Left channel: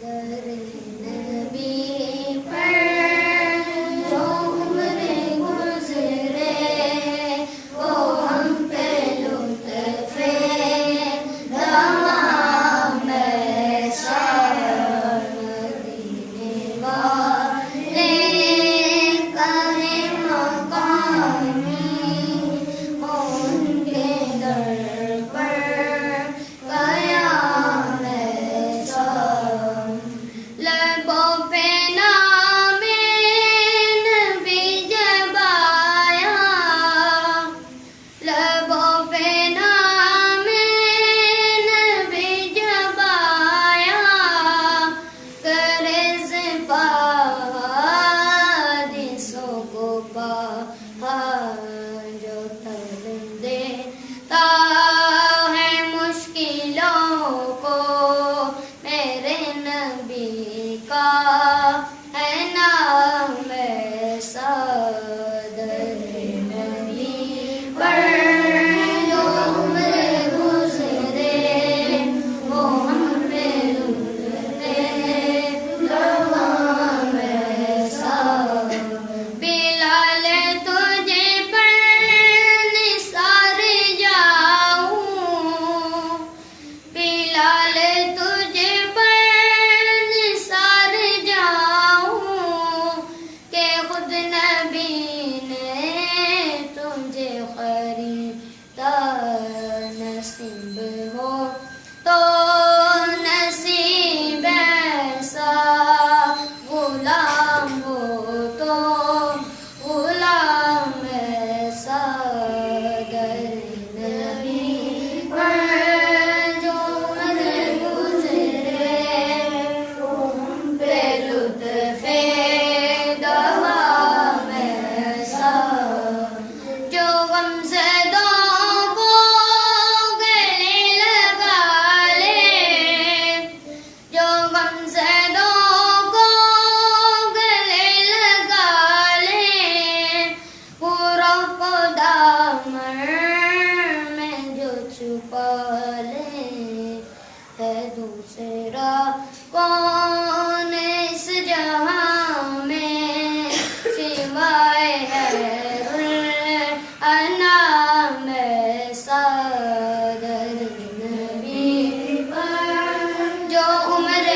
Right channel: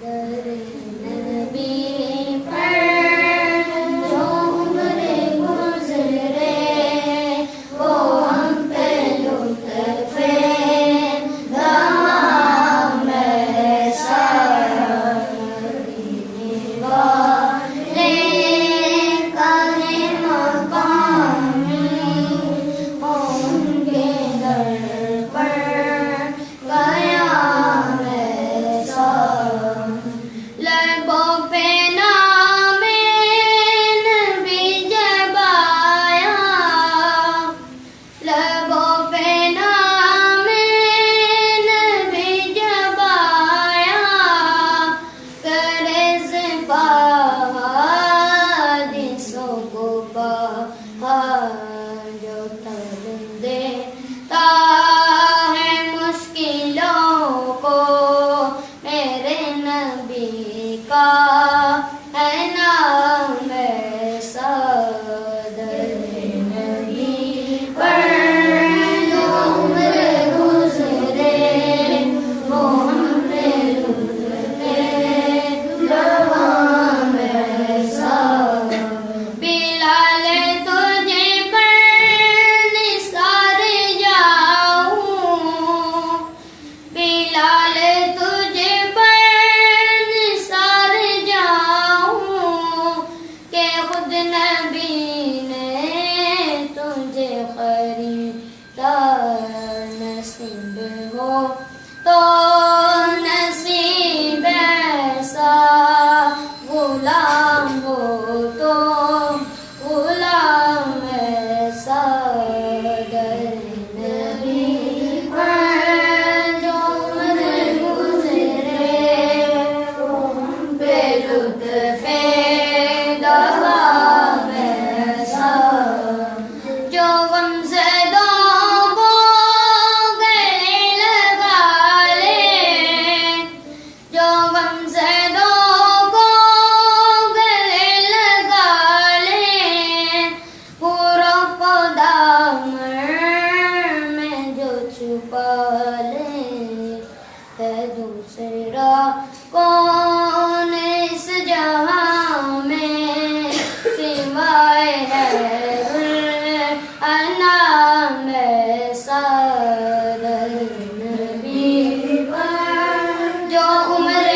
दर नबी पर जो उम्र गुज़रे वो हम पे लुत्फ़े दवाम ऐसा मदीने वाले का है मकामी उनके दर पर क़याम ऐसा लबों पे नामे नबी जब आया लबों पे नामे नबी जब आया करे से हादिसों को बाहर जो तर देता है मुश्किलों को मेरे नबी का है नाम ऐसा दर नबी पर जो उम्र गुज़रे वो हम पे लुत्फ़े दवाम ऐसा बिलाल तुझे पर निसार जाऊं बिलाल तुझे पर निसार जाऊं के खुद नबी ने तुझे खरीदा नसीब हो तो नसीब ऐसा गुलाम हो तो गुलाम ऐसा दर नबी पर जो उम्र गुज़रे वो हम पे लुत्फ़े दवाम ऐसा जो गमज़दों को गले लगा ले जो गमज़दों को गले लगा ले पूरों को दामन में जो छुपा ले है दूसरा कौन इस जहां में सिवाय हैरुल अनाम ऐसा दर नबी पर जो उम्र